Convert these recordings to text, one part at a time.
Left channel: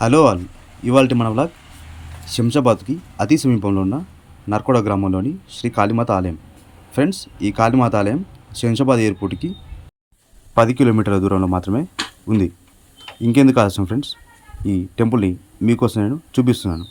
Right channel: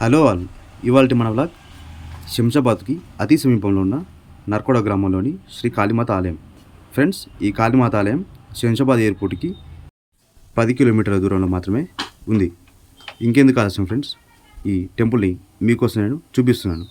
Hello all. ఇవాళ మన vlog శంషాబాద్కి అతి సమీపంలో ఉన్న నర్కోడ గ్రామంలోని శ్రీ కాళీమాత ఆలయం. ఫ్రెండ్స్ ఈ కాళీమాత ఆలయం శంషాబాద్ ఎయిర్పోర్ట్కి పది కిలోమీటర్ల దూరంలో మాత్రమే ఉంది. ఇంకెందుకు ఆలస్యం ఫ్రెండ్స్? ఈ టెంపుల్ని మీకోసం నేను చూపిస్తున్నాను.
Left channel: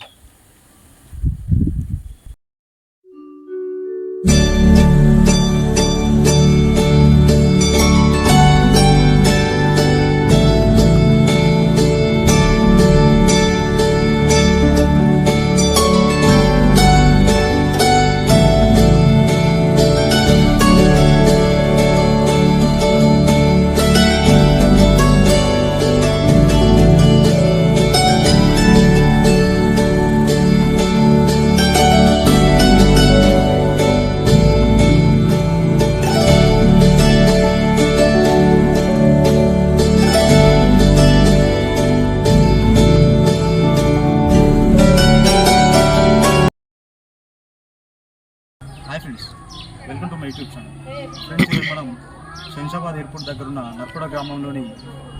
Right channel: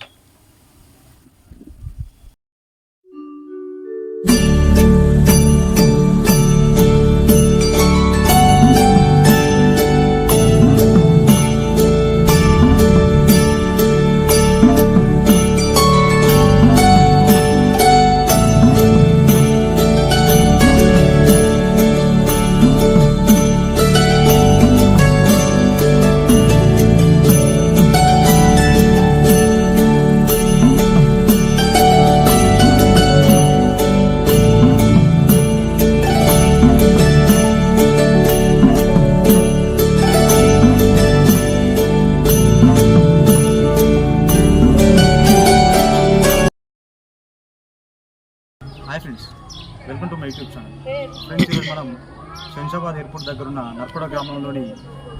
హైదరాబాద్ ఎయిర్పోర్ట్ దగ్గర ఉన్న నర్కోడ గ్రామంలోని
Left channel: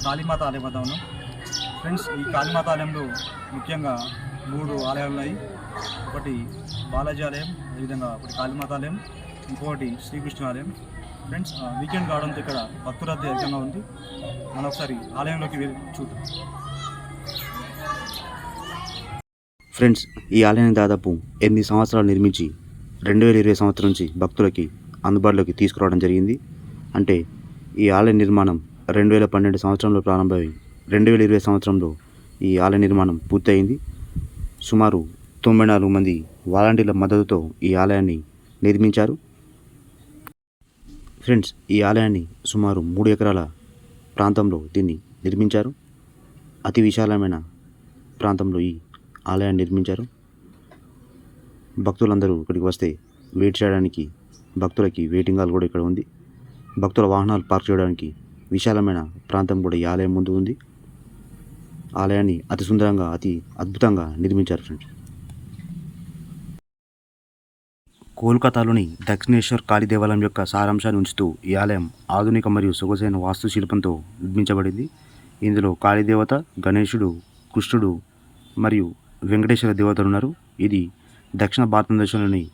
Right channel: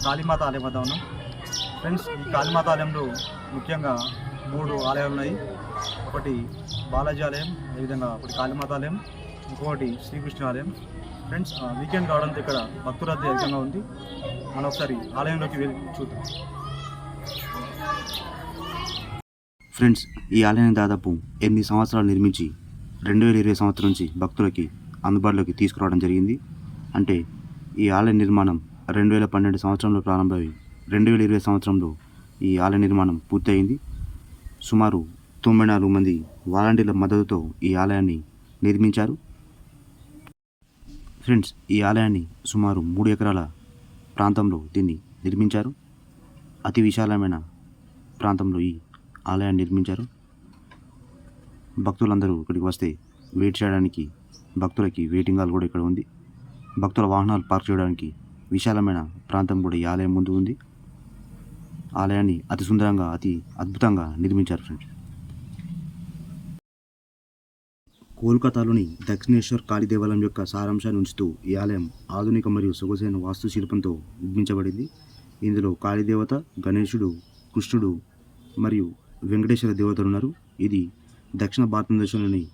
కాళీమాత ఆలయం వద్ద ఉన్నాం. ఫ్రెండ్స్ ఈ కాళీమాత ఆలయంలో ముఖ్యంగా మూడు ఆలయాలు ఉన్నాయి ఒకటి బాలాజీ ఆలయం అదేవిధంగా ఒకటి కాళీమాత ఆలయం ఇంకొకటి శ్రీకృష్ణ ఆలయం. ఫ్రెండ్స్ ఆ, వీకెండ్ కావడంతో ఇక్కడ భక్తురద్దీ అధికంగా ఉంది. మనం ఒకసారి ఆలయంలోకి వెళ్ళి చూద్దాం. ఫ్రెండ్స్ ఈ ఆలయాన్ని దాదాపు ఎనిమిది సంవత్సరాలు నిర్మించి రెండు వేల ఇరవై సంవత్సరం నుంచి భక్తులకి అందుబాటులోకి తీసుకురావడం జరిగింది. అంటే ఈ ఆలయ నిర్మాణం రెండు వేల పన్నెండు సంవత్సరంలో ప్రారంభమై రెండు వేల ఇరవై సంవత్సరంలో ఈ ఆలయ నిర్మాణం పూర్తయింది. సుమారు తొంభై నాలుగు మంది వాలంటీర్ల మద్దతుతో ఈ ఆలయాన్ని నిర్మించారు. ఫ్రెండ్స్ ఈ ఆలయాన్ని సుమారు మూడు ఎకరాల ప్రాంతంలో దీన్ని నిర్మించారు. అతి విశాలమైన ప్రాంతంలో ఈ ఆలయాన్ని నిర్మించారు. భక్తులందరూ ఇక్కడికి వస్తే వెయిట్ చేయడానికి భక్తులకి వెయిటింగ్ హాల్ కూడా ఇక్కడ ఉంది. భక్తుల వాహనాలు పార్క్ చేయడానికి విశాలమైన ప్రాంతం కూడా ఈ ఆలయం ముందు ఉంది. ఆలయాన్ని అతి సుందరంగా అతి అద్భుతంగా నిర్మించారు ఫ్రెండ్స్. కోల్కతాలోని దక్షిణేశ్వర్ కాళీ దేవాలయం యొక్క సారాంశాన్ని ఉంచుతూ ఈ ఆలయం ఆధునిక మరియు సొగసైన వాస్తుశిల్పంతో నిర్మించబడింది. ఇందులో కాళీదేవత గణేశుడు కృష్ణుడు మరియు వెంకటేశ్వర దేవతలు ఉన్నారు. ఇది దక్షిణ భారతదేశంలోని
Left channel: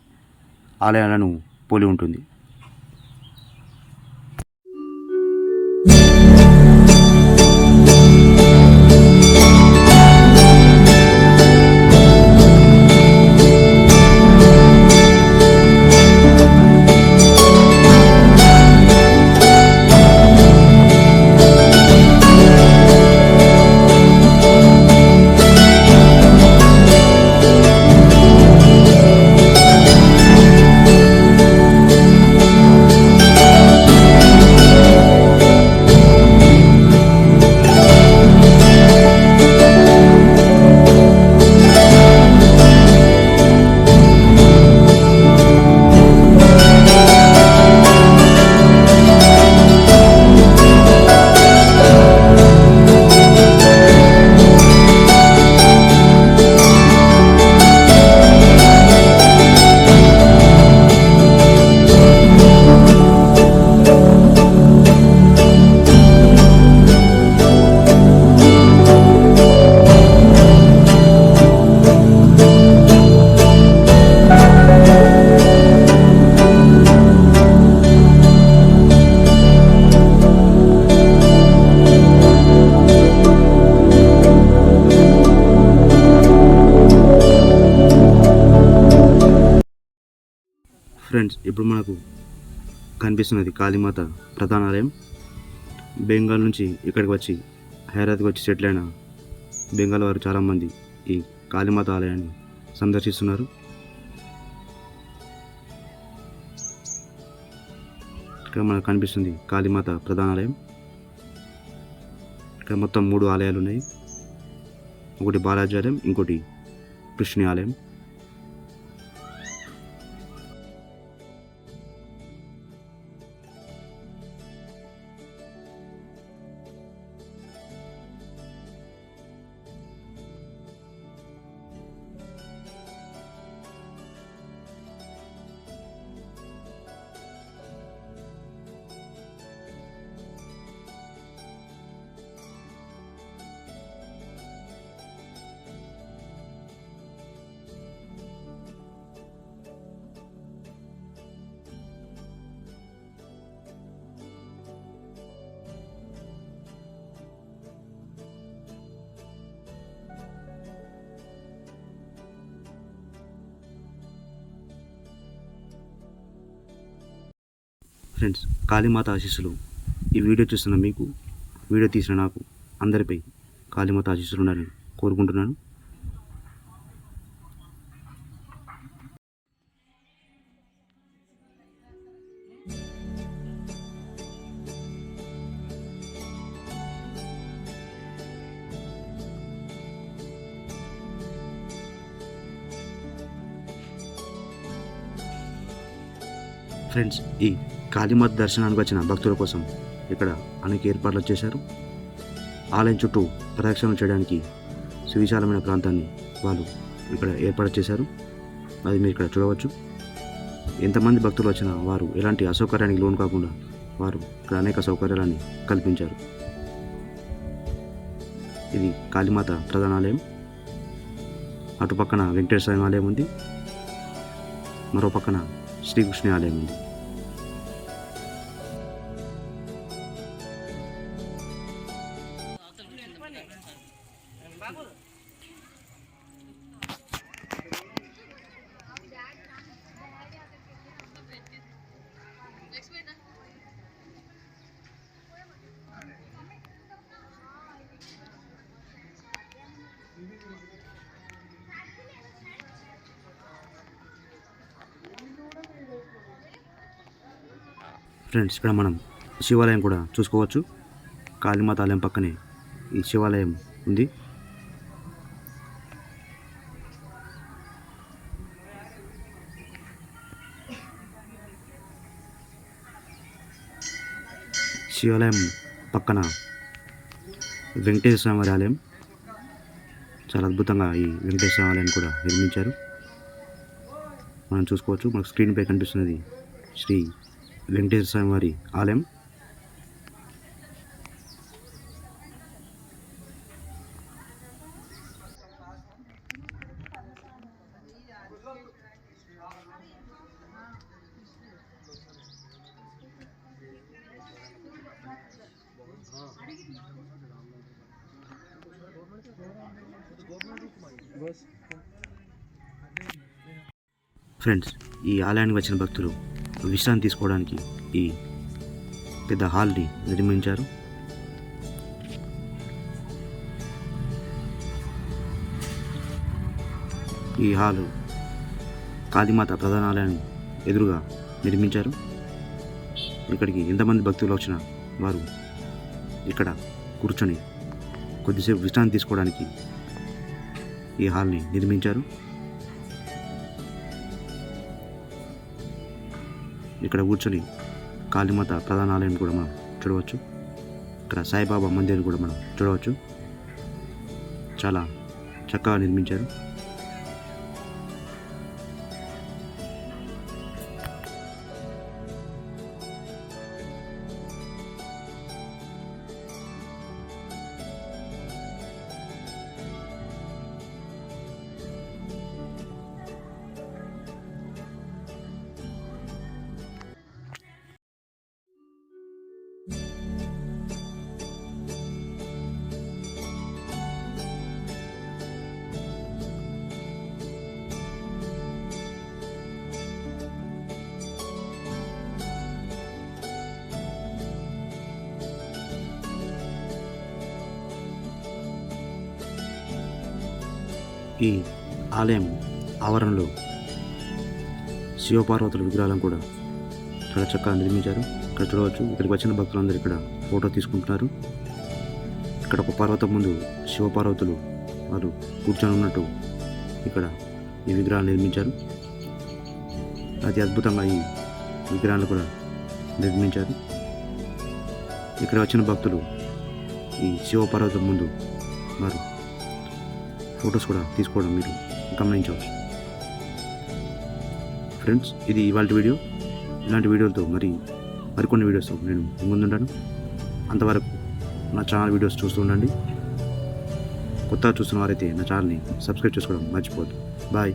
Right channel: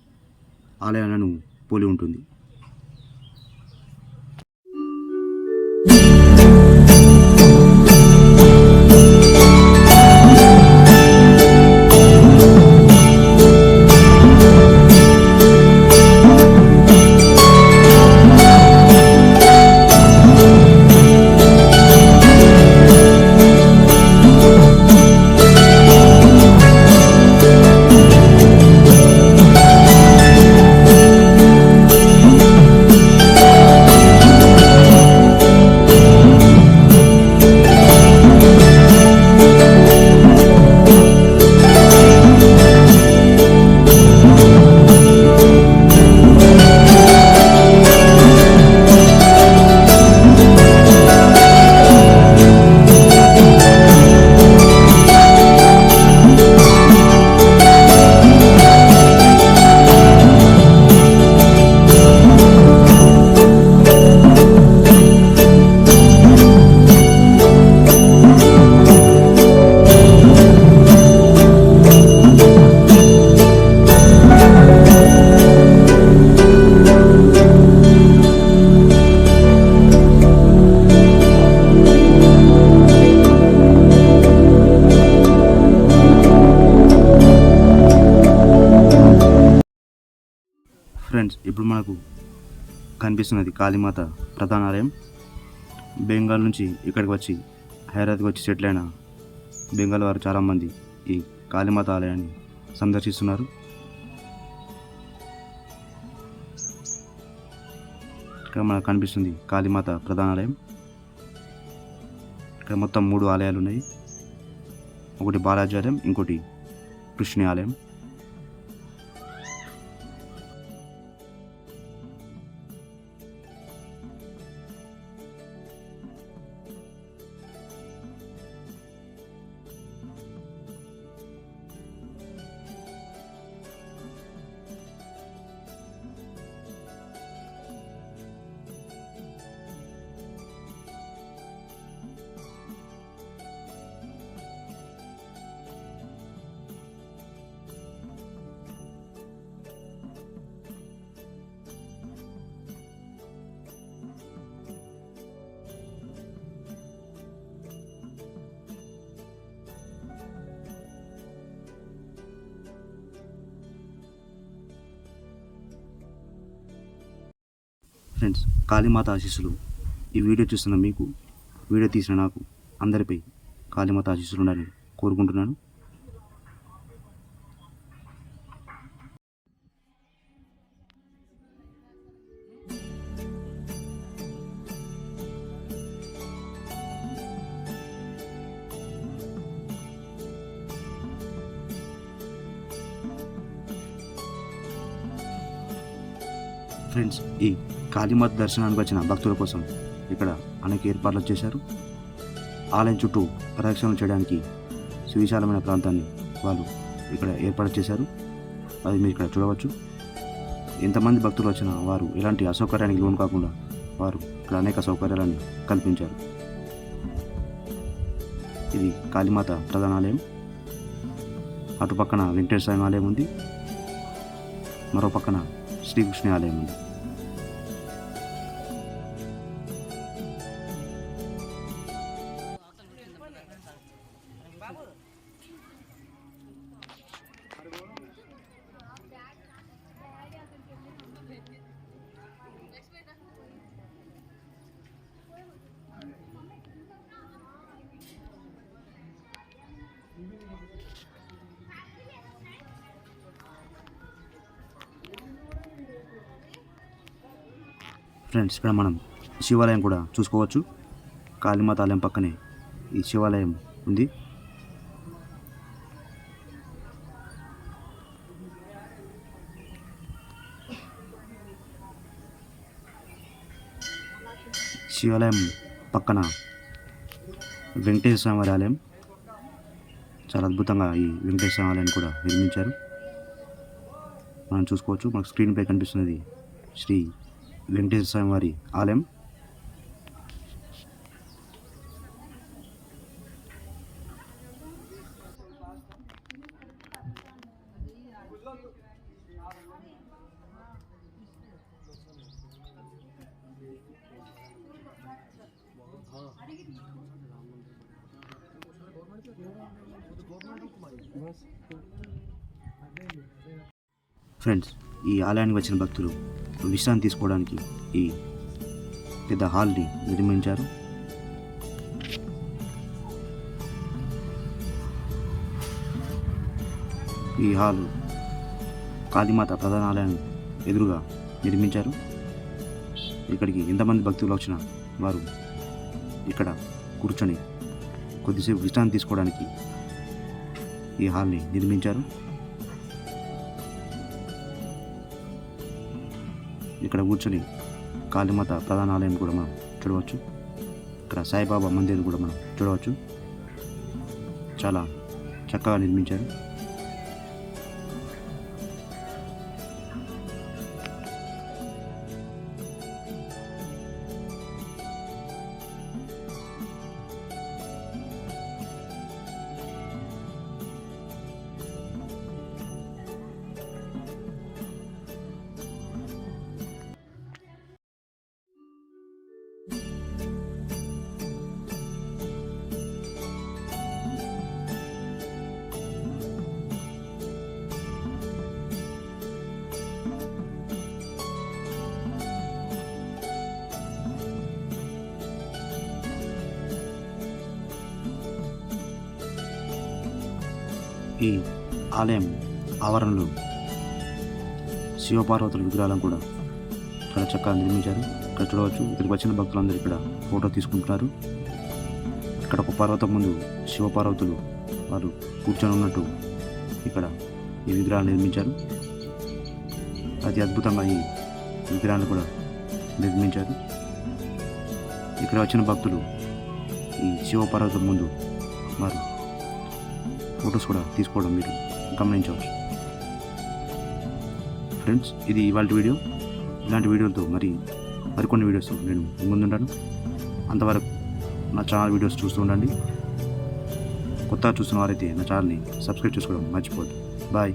ఆలయాలను పోలి ఉంటుంది. ఫ్రెండ్స్ ఇప్పుడు మనకు కనిపిస్తున్నది కాళీమాత ప్రధాన ఆలయం బెంగాల్ నుంచి ఇక్కడికి వచ్చి హైదరాబాద్కి వచ్చి సెటిల్ అయిన బెంగాల్ వారు చాలామంది ఈ కాళీమాత ఆలయాన్ని సందర్శిస్తున్నారు. ఇక్కడ మనకు కనిపిస్తుంది కాళీమాత ప్రధాన ఆలయం ఇక్కడ మొత్తం మూడు ఆలయాలు ఉన్నాయి. ఒకటి బాలాజీ ఆలయం ఇంకోటి కృష్ణి ఆలయం. ఫ్రెండ్స్ కాళీమాత ఆశీస్సులు. ఈ వీడియో చూస్తున్న మీకు వీడియో తీసిన నాకు అందరిపై కాళీమాత ఆశీస్సులు ఉండాలని కోరుకుంటున్నాను. ఫ్రెండ్స్ ఈ కాళీమాత దర్శనానికి వచ్చిన భక్తుల కోసం ఇక్కడ అనేక ఏర్పాట్లు చేశారు. ఆలయం చుట్టూ ప్రదక్షిణలు చేయడానికి సువిశాలమైన ప్రాంతాన్ని వాళ్ళు ఇక్కడ ఏర్పాటు చేశారు. అది మీరు ఇక్కడ చూడవచ్చు. ఎంతమంది భక్తులు వచ్చినా వారు ఎలాంటి అసౌకర్యానికి లోను కాకుండా వారు ఇక్కడ అనేక సౌకర్యాలని కల్పించారు. ఇది కాళీమాత ప్రధాన ఆలయం. అటు పక్కన వెంకటేశ్వర ఆలయం ఉంది. మరో పక్కన శ్రీకృష్ణ ఆలయం ఉంది. ఫ్రెండ్స్ ఇక్కడ మనం శివాలయం కూడా చూసుకోవచ్చు. కాళీమాత ఆలయం పక్కనే ఈ శివాలయం ఉంది. శివాలయం పక్కన వెంకటేశ్వర స్వామి వారి ఆలయం. చాలా అద్భుతంగా ఈ వెంకటేశ్వర స్వామి ఆలయాన్ని కూడా నిర్మించారు. మనం చూసుకోవచ్చు. మనకు స్క్రీన్పై కనిపిస్తున్నది శ్రీ వెంకటేశ్వర స్వామి వారి ఆలయం. ఫ్రెండ్స్ ఈ ఆలయానికి వచ్చిన భక్తులు విశ్రాంతి తీసుకోవడానికి ఈ పెద్ద హాల్ని నిర్మించారు. ఈ హాలు కాళీమాత ప్రధానాలయం ఎదురుగా నిర్మించారు. ఇక్కడికి ఎంతమంది భక్తులు వచ్చినా వారు ఇక్కడ కూర్చొని కొద్దిసేపు విశ్రాంతి తీసుకోవడానికి ఈ హాల్ని నిర్మించారు. ఇక్కడ కూర్చొని కాళీమాత ప్రధాన ఆలయం కూడా మనం చూడవచ్చు. ఇక్కడ సాయిబాబా మందిర్ కూడా మనం చూడవచ్చు. చాలా చక్కగా నిర్మించారు. ఈ ఆలయం ఆవరణలో శివపార్వతుల విగ్రహాలను కూడా చాలా చక్కగా నిర్మించారు. ఇక్కడ చూడవచ్చు ఇక్కడికి వచ్చిన భక్తులందరూ ఇక్కడ ఫోటో తీసుకుంటున్నారు. ఇక్కడ ఒక పర్వతం ముందు శివపార్వతులు వారు కూర్చొని ఉన్నట్టు ఇక్కడ ఈ విగ్రహాలు నిర్మించారు. అతి అద్భుతంగా ఈ విగ్రహాలు కూడా నిర్మించారు. ఇక్కడ వచ్చిన భక్తులు ఈ శివపార్వతం ముందు వారు ఫొటోస్ కూడా తీసుకోవడం మీరు గమనించవచ్చు. ఫ్రెండ్స్ ఇది ఇవాళ వీడియో. ఇలాంటి వీడియోలతో మరి మరికొన్ని వీడియోస్తో నేను ముందుంటాను. అంతవరకు నా ఛానల్ వీడియోస్ చూస్తూ ఉండండి. కొత్తగా చూస్తున్న వారైతే నా ఛానల్ని సబ్స్క్రైబ్ చేసుకోవడం మర్చిపోద్దు బాయ్.